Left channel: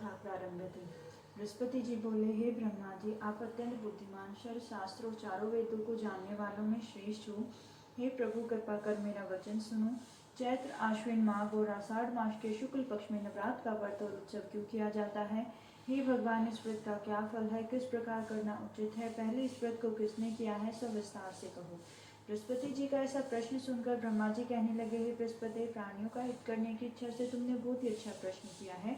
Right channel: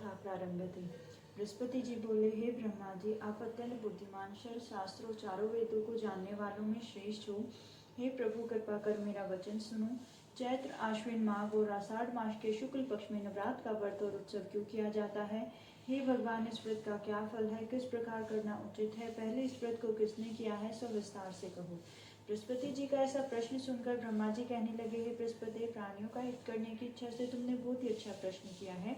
कथा प्रारंभ थी। बृहस्पति जी बोले, हे ब्रह्मा जी, आप अत्यंत बुद्धिमान, सर्व शास्त्रों चारों वेदों को जानने वालों में श्रेष्ठ हो। हे प्रभु, कृपा कर मेरा वचन सुनो। चैत्र, आश्विन माघ और आषाढ़ मास के शुक्ल पक्ष में नवरात्र का व्रत और उत्सव क्यों किया जाता है? हे भगवान, इस व्रत का क्या फल है? किस प्रकार करना उचित है? पहले इस व्रत को किसने किया है, सब विस्तार से कहो। बृहस्पति जी का ऐसा प्रश्न सुनकर ब्रह्मा जी कहने लगे, हे बृहस्पति, प्राणियों का हित करने की इच्छा से तुमने बहुत ही अच्छा प्रश्न किया है।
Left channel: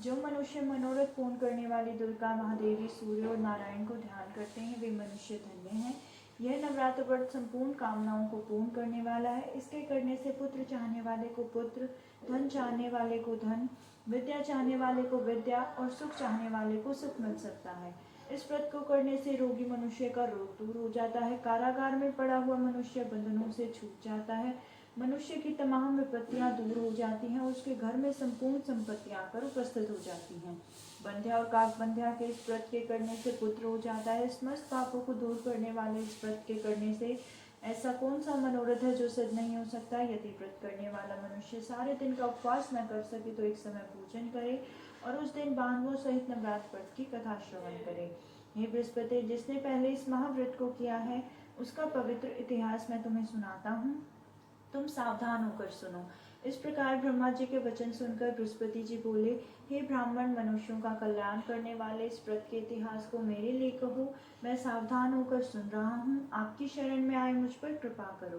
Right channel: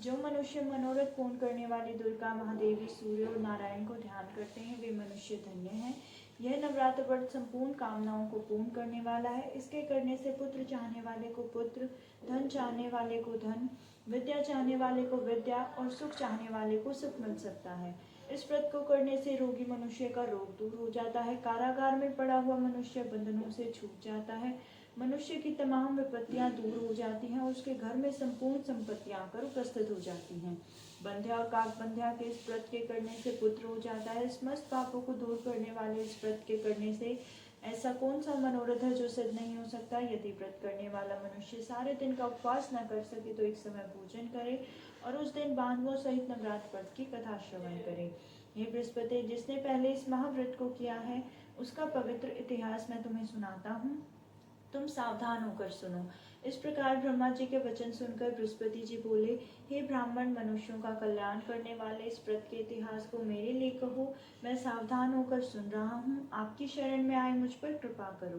जो मनुष्य मनोरथ पूर्ण करने वाली दुर्गा, महादेवी, सूर्य और नारायण को ध्यान करते हैं, वे मनुष्य धन्य हैं। यह नवरात्र व्रत संपूर्ण कामनाओं को पूर्ण करने वाला है। इसके करने से पुत्र चाहने वाले को पुत्र, धन चाहने वाले को धन, विद्या चाहने वाले को विद्या और सुख चाहने वाले को सुख मिल सकता है। इस व्रत को करने से रोगी मनुष्य का रोग दूर हो जाता है। कारागार में पड़ा हुआ मनुष्य बंधनों से छूट जाता है। मनुष्य की तमाम विपत्तियां दूर हो जाती हैं और उसके घर में संपूर्ण संपत्तियां आकर उपस्थित हो जाती हैं। बंध्या और काकबंध्या के इस व्रत के करने से पुत्र हो जाता है। समस्त पापों को दूर करने वाले इस व्रत के करने से ऐसा कौन सा मनोरथ है जो सिद्ध नहीं हो सकता? यदि व्रत करने वाला मनुष्य सारे दिन का उपवास न कर सके तो एक समय भोजन करे और उस दिन बांधवों सहित नवरात्र व्रत की कथा श्रवण करे। हे बृहस्पति, जिसने पहले इस महाव्रत को किया है उसका पवित्र इतिहास मैं तुम्हें सुनाता हूँ, तुम सावधान होकर सुनो। इस प्रकार ब्रह्मा जी के वचन सुनकर बृहस्पति जी बोले, हे ब्राह्मण, मनुष्यों का कल्याण करने वाले इस व्रत के इतिहास को मेरे लिए कहो। मैं सावधान होकर सुन रहा हूँ। आपकी शरण में आए मुझ पर कृपा करो।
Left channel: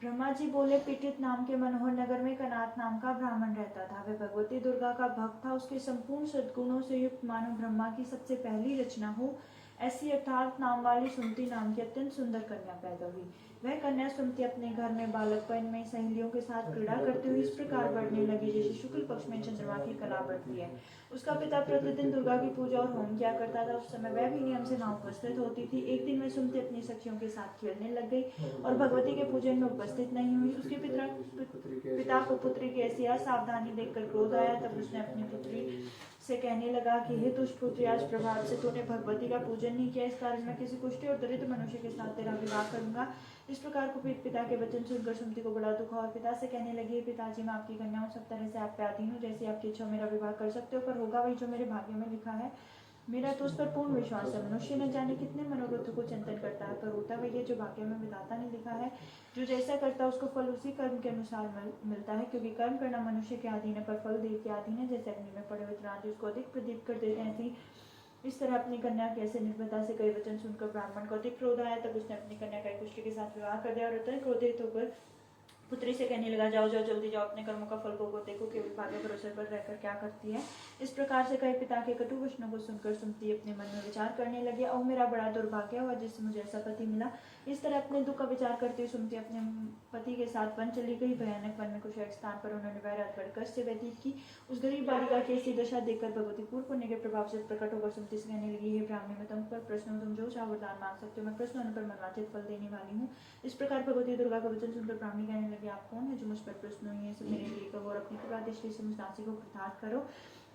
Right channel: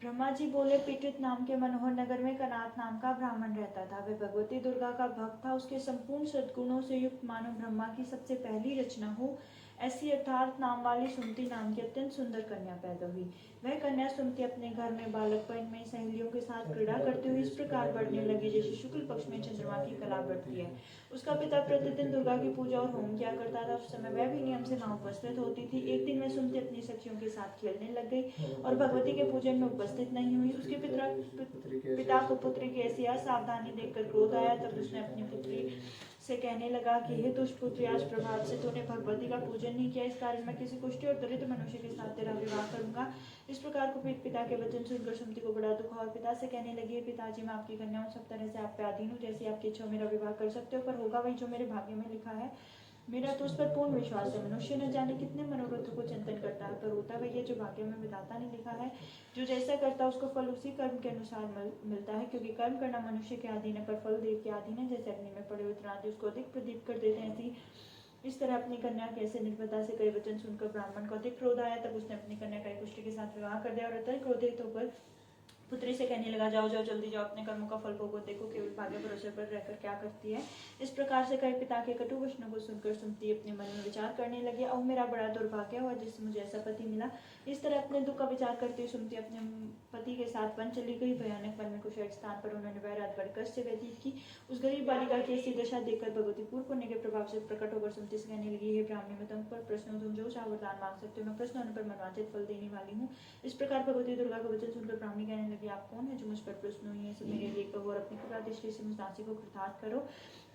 ब्रह्मा जी बोले, पिटृत नाम के मनोहर नगर में कनाथ नाम का ब्राह्मण रहता था। वह भगवती दुर्गा का भक्त था। उसके संपूर्ण सद्गुणों से युक्त मानो ब्रह्मा की सबसे पहली रचना हो ऐसी अर्थात नाम वाली सुमति नाम की अत्यंत सुंदर कन्या पैदा हुई। वह कन्या सुमति अपने घर में बालकपन में सहेलियों के साथ क्रीड़ा करते हुए इस प्रकार बढ़ने लगी जैसे शुक्ल पक्ष में चंद्रमा की कला बढ़ती है। उसका पिता प्रतिदिन दुर्गा की पूजा और होम किया करता था। उस समय वह भी नियम से वहां उपस्थित होती थी। एक दिन वह सुमति अपनी सखियों के साथ खेलने लग गई और भगवती के पूजन में उपस्थित नहीं हुई। उसके पिता को पुत्री की ऐसी असावधानी देखकर क्रोध आया। तब उसने अपनी पुत्री से कहने लगा कि हे दुष्ट पुत्री, आज प्रभात से तूने भगवती का पूजन नहीं किया, इस कारण मैं किसी कुष्ठी और दरिद्र मनुष्य के साथ तेरा विवाह करूंगा। इस प्रकार कुपित पिता के वचन सुनकर सुमति को बड़ा दुख हुआ और पिता से कहने लगी, पिताजी, मैं आपकी कन्या हूँ, सब तरह से आप पे अधीन हूँ। जैसी आपकी इच्छा मेरा विवाह कर सकते हो, पर होगा वही जो मेरे भाग्य में लिखा है। मेरा तो उस पर पूर्ण विश्वास है। मनुष्य न जाने कितने मनोरथों को चिंतन करता है, पर होता वही है जो भाग्य में विधाता ने लिखा है। जो जैसा करता है उसको फल उसी कर्म के अनुसार मिलता है, क्योंकि कर्म करना मनुष्य के अधीन है पर फल देव के अधीन है। जैसे अग्नि में पड़े हुए त्रांति उसको अधिक प्रदीप कर देते हैं, ऐसी इस तरह अपनी कन्या के ऐसे निर्भयता से कई वचन सुनकर ब्राह्मण को अधिक क्रोध आया। तब उसने अपनी कन्या का कुष्ठ के साथ विवाह कर दिया और अत्यंत क्रोधित होकर पुत्री से कहने लगा, जाओ जाओ जल्दी जाओ, अपने कर्मों का फल भोगो, देखो केवल भाग्य भरोसे पर रहकर क्या करती है। इस प्रकार से कई पिता के कटु वचनों को सुनकर सुमति अपने मन में विचार करने लगी, और मेरा बड़ा दुर्भाग्य हुआ जिससे मुझे ऐसा पति मिला। इस तरह अपने दुख का विचार करते हुए सुमति अपने पति के साथ वन चली गई। भयानक वन में कुछ एक स्थान पर उन्होंने वह रात बड़ी कष्ट से व्यतीत की। उस गरीब बालिका की ऐसी दशा देखकर भगवती पूर्ण पुण्य के प्रभाव से प्रकट होकर सुमति से कहने लगी, हे ब्राह्मणी, मैं तुम पर प्रश्न हूँ, तुम जो चाहो वरदान मांग सकते हो, मैं प्रश्न होने पर मनवांछित फल देने वाली हूँ। इस प्रकार भगवती दुर्गा का वचन सुनकर ब्राह्मणी कहने लगी, आप कौन है जो मुझ पर प्रश्न हुई है, सब मेरे लिए कहो और अपनी कृपा दृष्टि से मुझ दासी को कृतार्थ करो।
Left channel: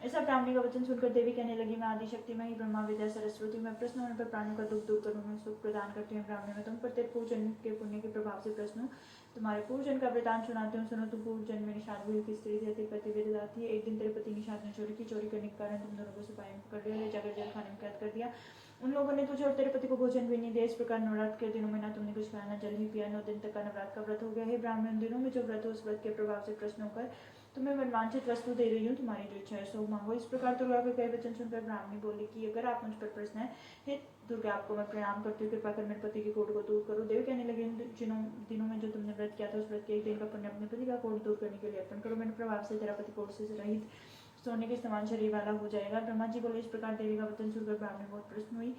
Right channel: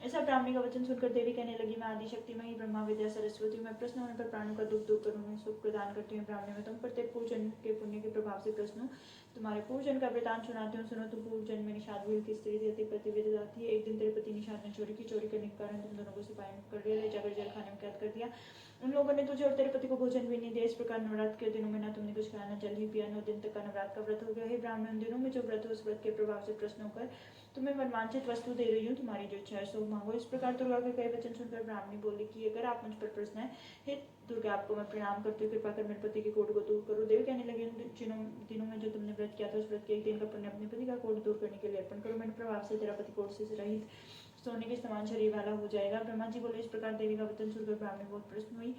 ऐसा ब्राह्मणी का वचन सुनकर देवी कहने लगी, मैं आदिशक्ति में ही ब्रह्मा विद्या सरस्वती, मैं प्रश्न होने पर प्राणों का दुख दूर करूँ, सुख प्रदान करती हूँ। ब्राह्मणी, में तुम प्रत्येक पूजन के पुण्य के प्रभाव से प्रश्न हूँ, तुम्हारे पूजन का वृतांत सुनाती हूँ, सुनो। तुम पूजन में निषाद भूल की स्त्री थी, पति विद जाती है। एक दिन तेरे पति निषाद ने चोरी की, चोरी करने के कारण तुम दोनों को सिपाही कर लिया, ले जाकर जेल खाने में कैद कर दिया। उन लोगों ने तुझे और तेरे पति को भोजन भी नहीं दिया। इस प्रकार नवरात्र के दिनों में ना तुमने कुछ खाया, न जल ही पिया। 9 दिन तक का नवरात्र का व्रत हो गया है। ब्राह्मण, दिनों में जो व्रत हो उस व्रत के प्रभाव से प्रश्न होकर तुम्हें मनवांछित वस्तु दे रही हूँ, तुम्हारी जो इच्छा है सो मांगो। इस प्रकार दुर्गा के कई वचन सुनकर ब्राह्मणी बोली कि अगर आप मुझ पर प्रश्न है, हे दुर्गा, आपको मैं प्रणाम करती हूँ, कृपा कर मेरे पति के कोट को दूर करो। देव कहने लगे, दिनों में जो तुमने व्रत किया था उस व्रत के एक दिन का पुण्य अपने पति का कोट दूर करने के लिए अर्पण करो। मेरे प्रभाव से तेरा पति कोट से रहित सोने के समान शरीर वाला हो जाएगा। ब्रह्मा जी बोले, इस प्रकार देवी का वचन सुनकर ब्राह्मणी बहुत प्रश्न हुई।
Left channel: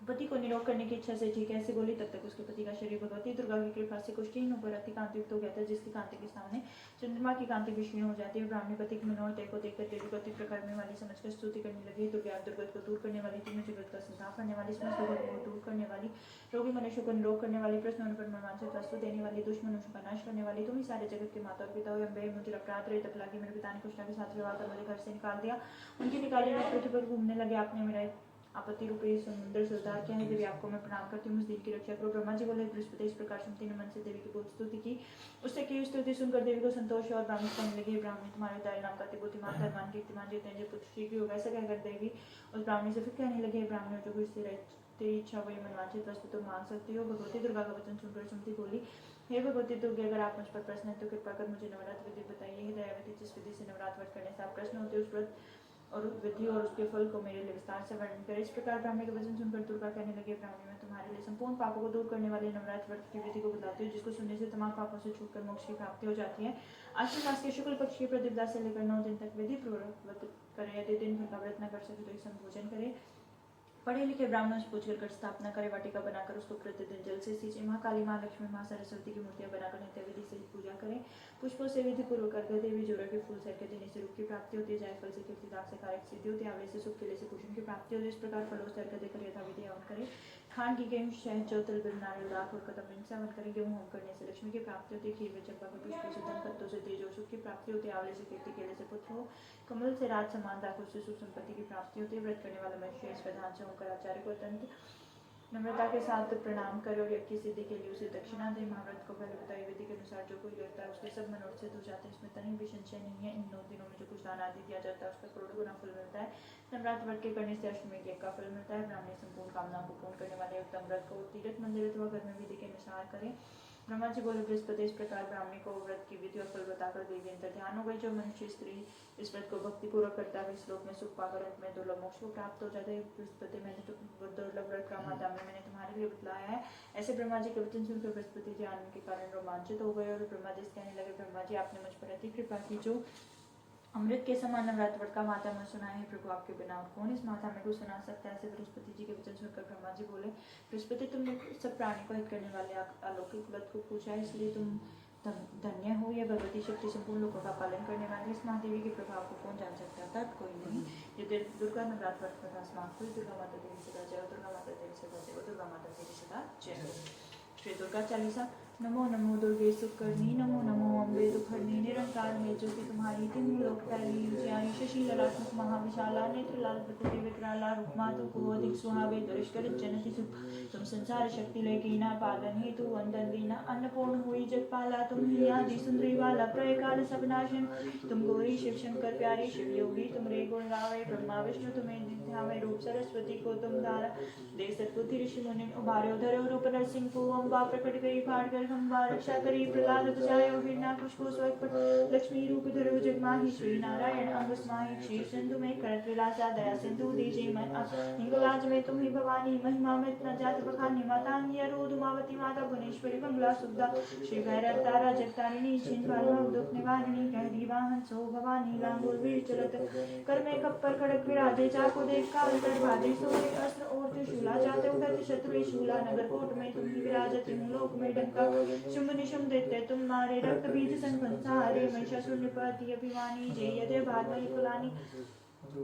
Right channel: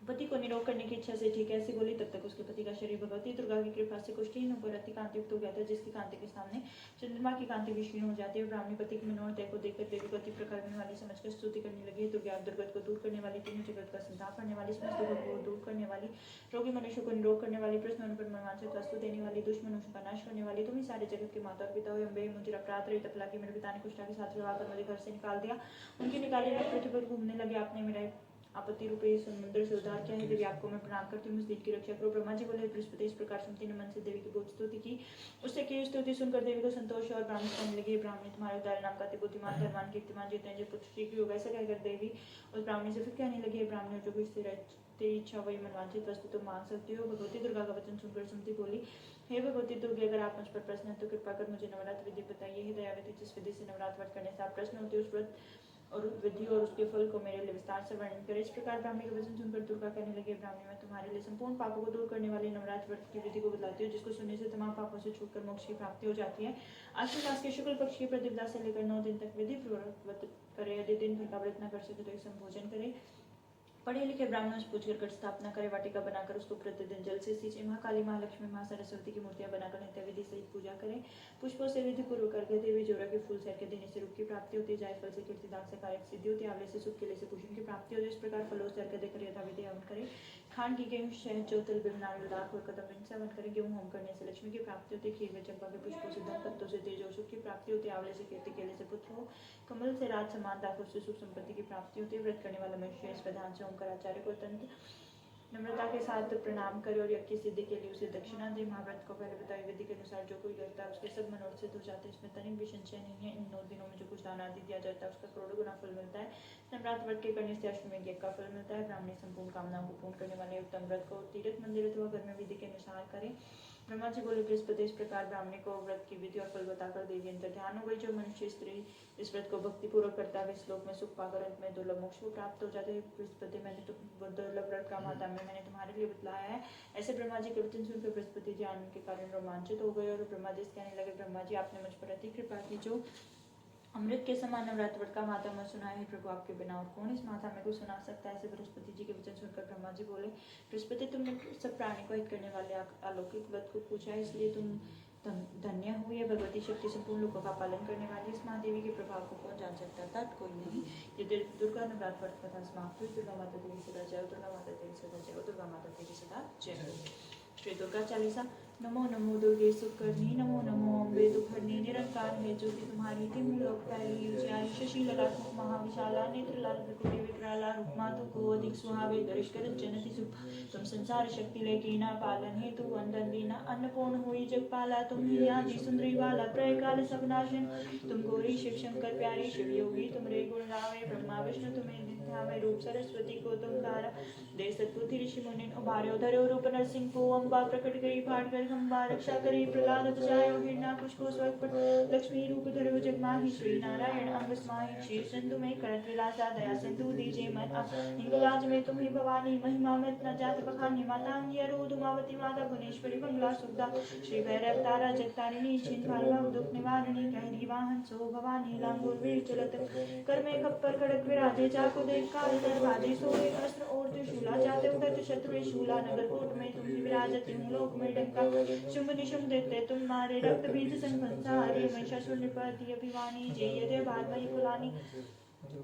पति को निरोग करने की इच्छा से ठीक ऐसे बोली। तब तक उसके पति का शरीर भगवती दुर्गा की कृपा से कुष्ठहीन होकर अति कांतियुक्त हो गया था, जिसकी कांति के सामने चंद्रमा की कांति भी क्षीण हो जाती है। ब्राह्मणी पति की मनोरथ को देखकर देवी को अति प्रकार वाली समझकर स्तुति करने लगी, दुर्गा, दुर्गत को दूर करने वाली, तुम्हें जगत का संताप करने वाली, समस्त दुर्गत को दूर करने वाली, रोगी मनुष्य को निरोग करने वाली, प्रश्न होने पर मनवांछित वस्तु देने वाली, दुष्ट मनुष्य का नाश करने वाली, तुम ही सारे जगत के माता और पिता हो। अम्बे, मुझे अपराध रही तब लगी, मेरे पिता ने कुष्ठा के साथ विवाह कर मुझे घर से निकाल दिया। उनके निकाले लोग पृथ्वी पर घूमने लगे। आपने मेरा आपत्ति रूपी समुद्र से उतार किया है। देवी आपको मैं प्रणाम करती हूँ, उस दिन की रक्षा करो। ब्रह्मा जी बोले, बृहस्पति इस प्रकार सुनते न मन से देवी की बहुत स्तुति की। उससे की स्तुति सुनकर देवी को संतोष और ब्राह्मण कहने लगे, ब्राह्मणी तुम्हारे उदार नाम का बुद्धिमान धनवान कीर्तिमान जितेंद्र पुत्र शीघ्र होगा। ऐसा कहकर देवी उस ब्राह्मणी से फिर कहने लगे, ब्राह्मण जो कुछ तेरी इच्छा वही मनवांछित वस्तु तो मांग सकती हो। भगवती दुर्गा का वचन सुनकर सुमति बोली, हे भगवती दुर्गे, अगर आप मुझ पर प्रश्न है तो कृपा कर मुझे नवरात्र विधि बताइए। हे दयावती, जिस विधि से नवरात्र व्रत करने से आप प्रश्न होते उस व्रत और विधि और उसके फल को मेरे लिए विस्तार से वर्णन करें। इस प्रकार ब्राह्मणी का वचन सुनकर दुर्गा कहने लगे, ब्राह्मणी मैं तुम्हारे लिए संपूर्ण पापों को दूर करने वाले नवरात्र व्रत की विधि को बताती हूँ, जिसको सुनने से तमाम पापों से छूटकर मोक्ष की प्राप्ति हो जाती है। आश्विन मास के शुक्ल पक्ष की प्रतिपदा से लेकर 9 दिन तक विधि पूर्वक व्रत करे। यदि दिन भर का व्रत न कर सके तो एक संभोजन करे। पढ़े लिखे ब्राह्मणों से पूछकर घट स्थापना करे। वाटिका बनाकर उसको प्रतिदिन जल से सींचे। माँ काली, माँ लक्ष्मी, माँ सरस्वती की मूर्तियां बनाकर नित्य विधि से पूजा करें। पुष्पों से विधि पूर्वक अर्घ्य देवी। जोरा के फूल से अर्घ्य देने से रूप की प्राप्ति होती है। जायफल से कीर्ति, दाग से कारक सिद्धि होती है। आंवले से सुख, केले से कुसुम की प्राप्ति होती है। इस प्रकार फलों से अर्घ्य देकर यथाविधि हवन करें। खान की गेहूं, शहद, जौ, तिल, बिल, नारियल, दाख और कदम से हवन करें। गेहूं होम करने से लक्ष्मी की प्राप्ति होती है। खीर में चंपा के पुष्पों से धन, पत्तों से तेज और सुख की प्राप्ति होती है। आंवले से कीर्ति, केले से पुत्र हो, कमल से राज समान, दाखों से सुख संपत्ति की प्राप्ति होती है। व्रत करने वाला मनुष्य इस विधान से ओंकार आचार्य को अत्यंत नम्रता के साथ प्रणाम करे और यज्ञ की सिद्धि के लिए उसे दक्षिणा दे। महाव्रत को पहले बताई विधि के अनुसार जो कोई करता है उसके सब मनोरथ सिद्ध हो जाते हैं। इसमें तनिक भी संशय नहीं है। इन 9 दिनों में जो कुछ दान आदि दिया जाता है उसका करोड़ों गुना फल मिलता है। नवरात्र व्रत के करने से अश्वमेध यज्ञ का फल मिलता है। ब्राह्मणी संपूर्ण कामनाओं को पूर्ण करने वाले उत्तम व्रत को तीर्थ मंदिर अथवा घर में विधि के अनुसार करें। ब्रह्मा जी बोले, बृहस्पति इस प्रकार ब्राह्मणी को व्रत की विधि और फल बताकर देवी अंतर ध्यान हो गई। जो मनुष्य स्त्री इस व्रत को भक्ति पूर्वक करता है इस श्लोक में सुख पाकर अंत में दुर्लभ मोक्ष को प्राप्त हो जाता है। बृहस्पति, मैंने दुर्लभ व्रत का मातामह मैंने तुम्हारे लिए बतलाया है। ऐसे ब्रह्मा जी के वचन सुनकर बृहस्पति जी आनंद के कारण रोमांचित हो गए और ब्रह्मा जी कहने लगे, ब्रह्मा जी आपने मुझ पर अति कृपा की। जो अमृत के समान नवरात्र व्रत का माता में सुना है, प्रभु आपके बिना और कौन इस माता में को सुना सकता है। ऐसे बृहस्पति जी के वचन सुनकर ब्रह्मा जी बोले, बृहस्पति तुमने सब प्राणी को हित करने वाले अलौकिक व्रत को पूछा है, इसलिए तुम धन्य हो। ये भगवती शक्ति संपूर्ण लोगों का पालन करने वाली इस महादेवी के प्रभाव को कौन जान सकता है? कोई नहीं। ये दुर्गा नवरात्र व्रत कथा समाप्त हुई। दुर्गा माता देवी सदा जय, दुर्गा माता देवी सदा जय, दुर्गा माता देवी सदा जय। श्री दुर्गा चालीसा। नमो नमो दुर्गे सुखकर्णी, नमो नमो अम्बे दुखहरणी, निरंकार में ज्योति तुम्हारी, तीन लोक फैली उजियारी, शशि ललाटमुख महाविशाला, नेत्र लाल प्रकृति विकराला, रूप मातु को अधिक सुहावे, दुष्कर जनति सुख। तुम संसार शक्ति लेकी ना पालन हेतु वंदन दीना, अन्नपूर्ण हुई जगपाला, तुम ही आदि सुंदरी वाला, प्रलय काल सब नाशन। तुम गौरी शिव शंकर प्यारी, शिव योगी तुमरे गुण गावे, ब्रह्मा विष्णु तुम्हें ध्यावे, रूप सरस्वती को तुम धारा दे सतबुद्धि ऋषि मुनि उभारे, धरो रूप नरसिंह को अम्बा प्रकट गई, फाट कर खंबा रक्षा करी, प्रहलाद बचायो हिरण्याकुश को स्वयं, लक्ष्मी रूप धरो जगमाही, श्री नारायण अंग समाहि, श्री सिंधु में करत विलासा, दया सिंधु दीजे मन हिंगलाज में तुम ही भवानी, महिमा में इतना जात बखानी, मातांगी अरोध उमावती माता भुवनेश्वरी मंगला सुधा, श्री भैरव तारा जगतारिणी, छिंदवार दुख निवारिणी, कहरी वाहन सो भवानी, लांगुल वीर चलत कर में खप्पर खड़क विराजे, चाको देख काल कर बाजे, सोए अस्त्र और त्रिशूला, जाते उगत शत्रु शूला, नगर कोट में तुम ही विराजते हो, लोक में डंका शुंभ निशुंभ देते तुम मारे, रक्त बीज संसारे, महिषासुर निपाती अभिमानी, जय यदि भागवती कुलानी,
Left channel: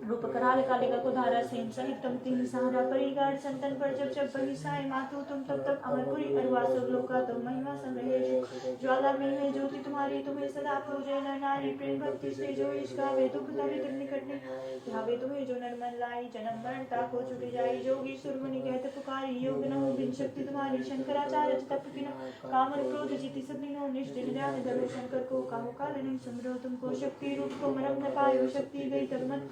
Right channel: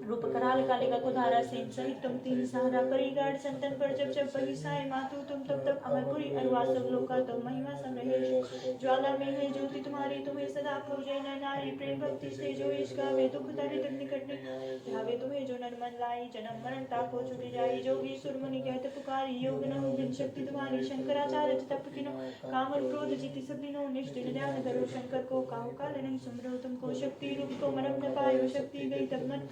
रूप कराल कालिका कुधारा, सेन सहित तुम तीन सहारा, परिगार संतन पर जब जब बही साय, मातु तुम तब तब अमरपुरी अरवास लोका, तुम महिमा संग्रह ज्वाला में है ज्योति तुम्हारी, तुम्हें सदा पूजे न नारी, प्रेम भक्ति से जो ईश गावे, दुख दरिद्र निकट ध्यावे, तुम्हें जो नर मन लाई, जन्म मरण ताको छुटी जाई, जोगी सुर मुनि कहते पुकारी, योग न हो जिन शक्ति तुम्हारी, शंकराचार्य तप की न कामर क्रोध जीति सभी निष्ठिन ध्यान धरो, शंकर को काहू काल नहीं सुमरो, तुमको शक्ति रूप को मरम न पायो, शक्ति गई तब मन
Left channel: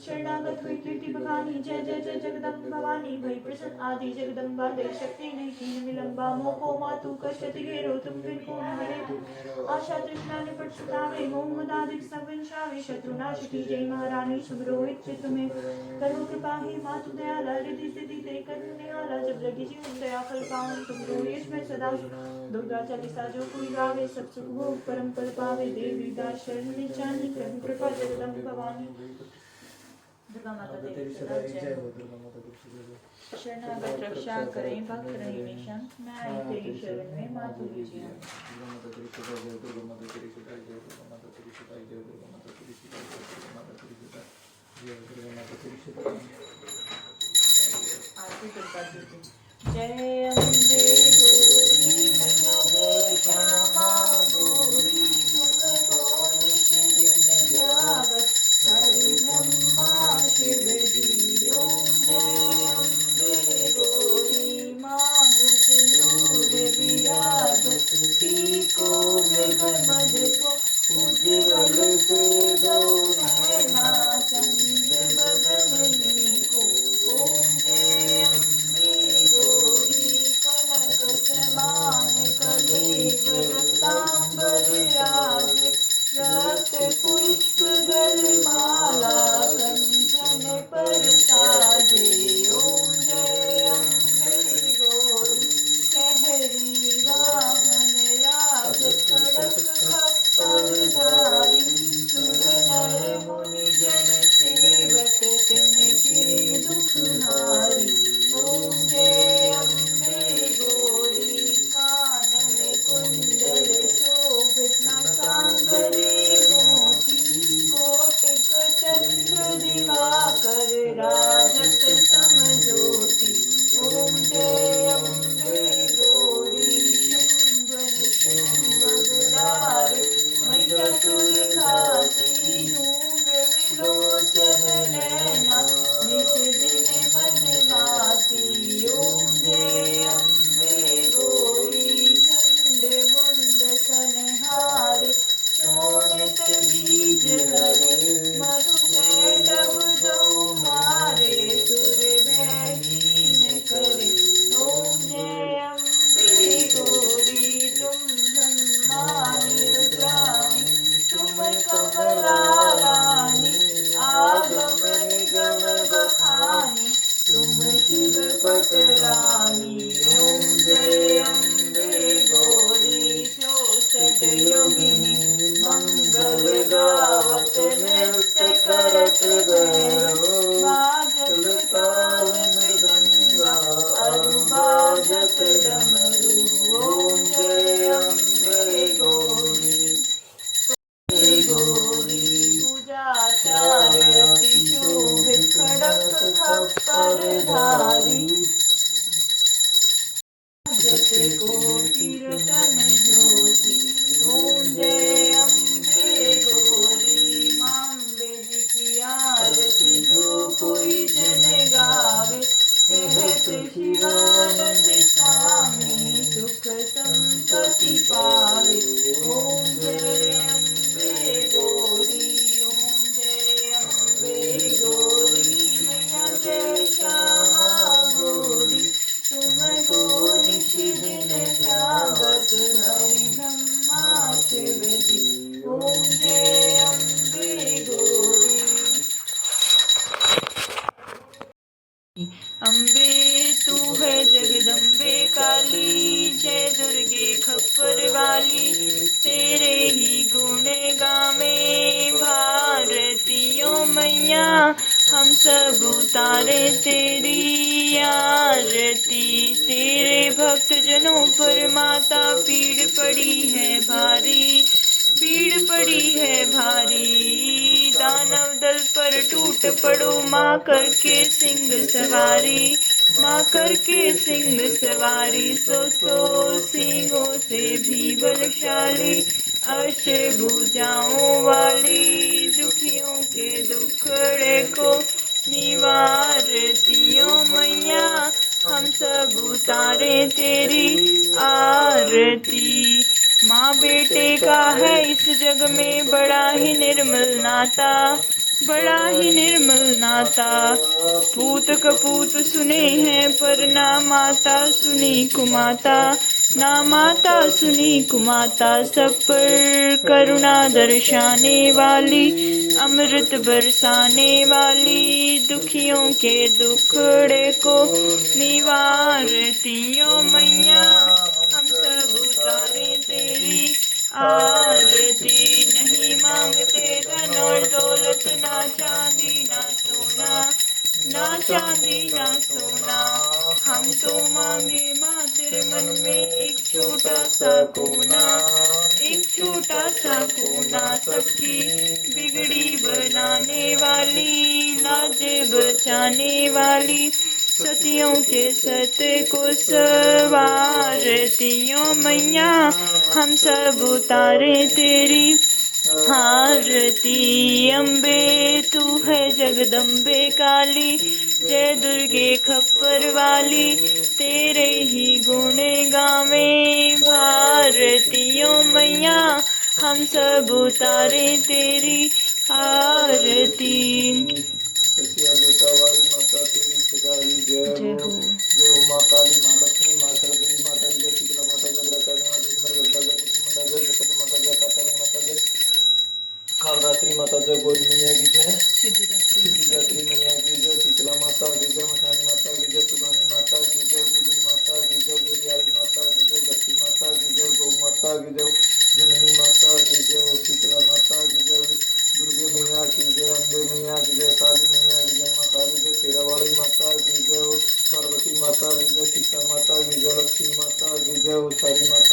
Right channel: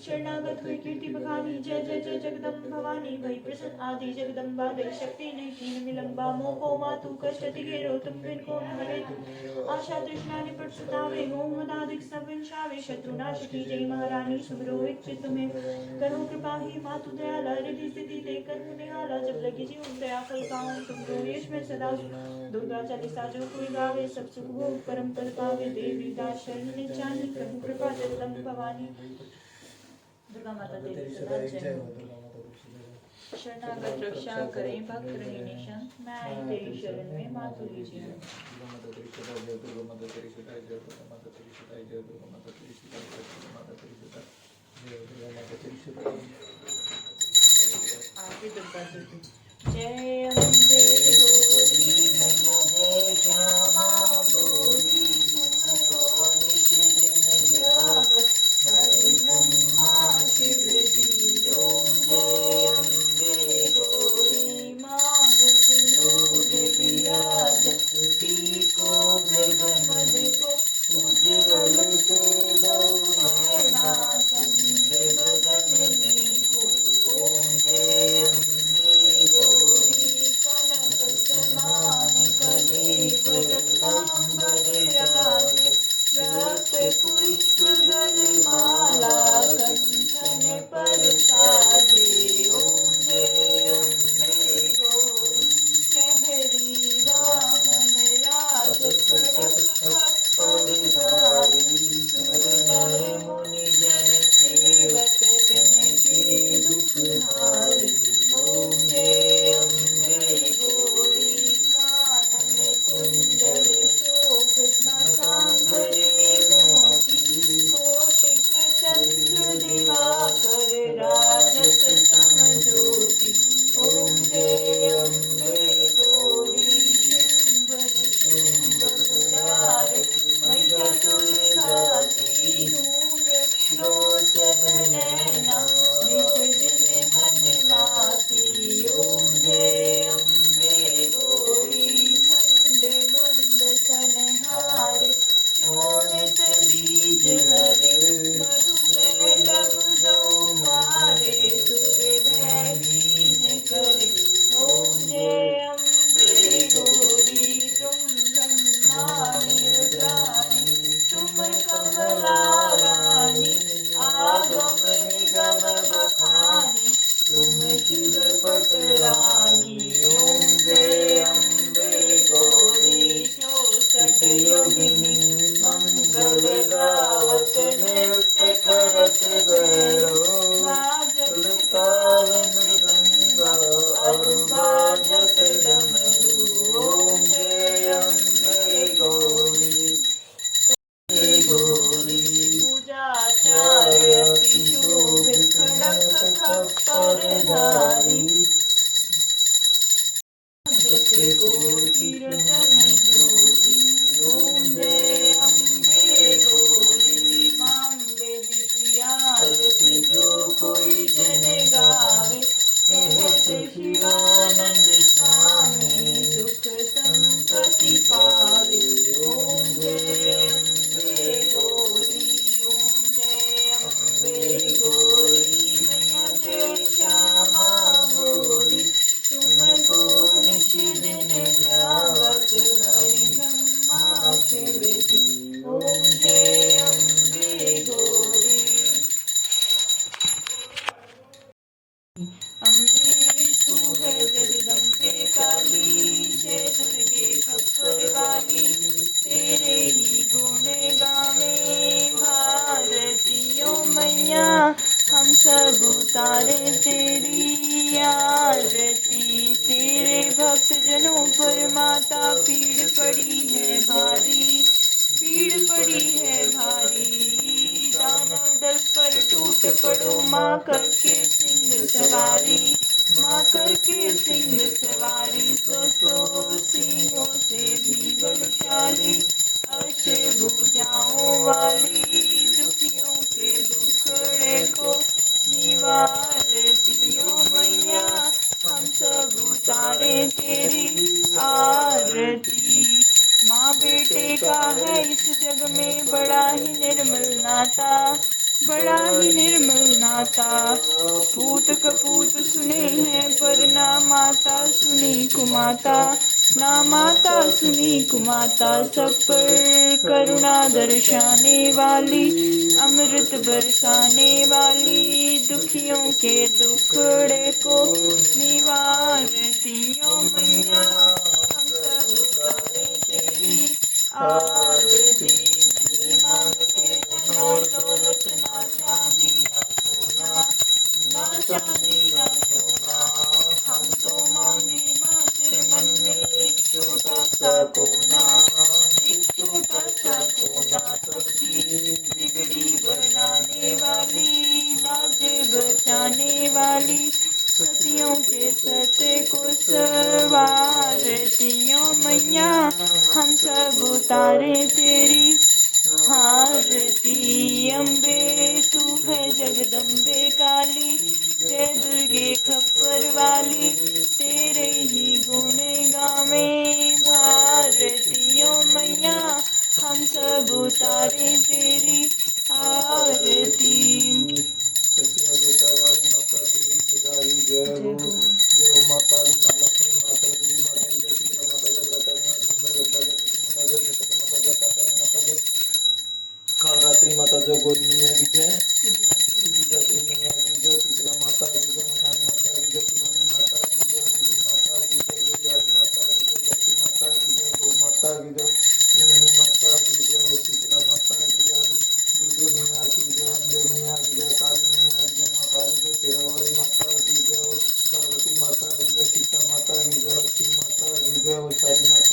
शरणागत हुई, कीर्ति बखानी, जय जय जय जगदम्ब भवानी, भई प्रसन्न आदि जगदम्बा, गई शक्ति नहीं कीन विलंबा, मोको मातु कष्टति घेरो, तुम बिन को हरे, आशा तृष्णा निपट सतावे, मोह मदाधिक सब विंशावे, शत्रुनाश की जय महारानी, सुमरो इच्छित तुम्हें करो कृपा ही, मातु दयाला, रिद्धि सिद्धि ते कर निवाला, जब लगी जीवन दया फल पावन, तुम गौरीश में सदा दुर्गा चालीसा जो कोई गावे, सब सुख भोग परम पद पावे, देवी दास शरण निचानी, करूं कृपा जगदम्ब भवानी, दुर्गा माता देवी सदा जय। शरणागत रक्षा करें, भक्त रहे निशंक, मैं तेरी शरण में मातु विजय। दुर्गा माता तेरी सदा जय, दुर्गा माता तेरी सदा जय, दुर्गा माता तेरी सदा जय, दुर्गा माता तेरी सदा जय, दुर्गा माता तेरी सदा जय, दुर्गा माता तेरी सदा जय। आरती दुर्गा जी की। जय अम्बे गौरी मंगल श्यामा गौरी, तुम तो नित्य हरि ब्रह्मा शिव जी, ओम जय वादक डमरू। ओम जय अम्बे गौरी गौरी। पूजाचार्य अति शोभित खड़ग खप्पर धारी। कोटि रतन ज्योति। ओम जय अम्बे गौरी। मांबे जी की आरती जो कोई जन गावे। कहत शिवानंद स्वामी सुख संपत्ति पावे। ओम जय अम्बे गौरी। ओम जय अम्बे गौरी। मैया जय श्यामा गौरी। तुमको नित्य दिन जागत हरि ब्रह्मा शिवजी। ओम जय अम्बे गौरी। अम्बे तू है जगदम्बे काली। जय दुर्गे खप्पर वाली। तेरे ही गुण गावे भारतियों मैया। हम सब उतारे तेरी आरती। तेरे भक्त जनों पर माता पीड़ पड़ी है भारी। पीड़ पड़ी है भारी। दानव दल पर टूट पड़ो माँ करके सिंह सवारी। माँ करके सिंह सवारी। सौ सिंहों से भी बलशाली। अष्टभुजाओं वाली। दुखियों के दुखड़े को निवारतियों मैया। हम सब उतारे तेरी आरती। माँ बेटे का है इस जग में बड़ा ही निर्मल नाता। बड़ा ही निर्मल नाता। पूत कपूत सुने हैं पर ना माता सुनी कुमाता। ना माता सुनी कुमाता। सब पर करुणा दर्शाने वाली। अमृत बरसाने वाली। दुखियों के दुखड़े को निवारतियों मैया। हम सब उतारे तेरी आरती। नहीं मांगते धन और दौलत ना चांदी ना सोना। ना चांदी ना सोना। हम तो मांगे माँ तेरे मन में एक छोटा सा कोना। एक छोटा सा कोना। सबकी बिगड़ी बनाने वाली। लाजे बचाने वाली। सतियों के सत्य को सवारतियों मैया। हम सब उतारे तेरी आरती। अम्बे तू है जगदम्बे काली। जय दुर्गे खप्पर वाली। तेरे ही गुण गावे भारतियों मैया। हम सब उतारे तेरी आरती। सत्या वाली माता तेरी सदाई जय हो। जय हो माँ काली माँ लक्ष्मी माँ सरस्वती माता जय शीतला माता जय व्रतानी माता जय गंगा जय कुसुमंडा जय जगत माता जय कातानी माता जय कालरात्रि माता जय गौरी मैया की जय। सिद्धिदात्री मैया की जय। शीतला माता की जय। मठानी माता की जय। सुधानी माता की जय। बुद्धि माता की जय। विद्याली माता की जय। धरती माता की जय। गौ माता की जय। जननी माता की जय। शीतला माता की जय। दुर्गे मैया की जय। अम्बे मैया की जय। काली मैया की जय। माँ काली जय। शेरावाली माता की जय। पार्वती माता की जय। सीता माता की जय। लक्ष्मी माता की जय। सारी माता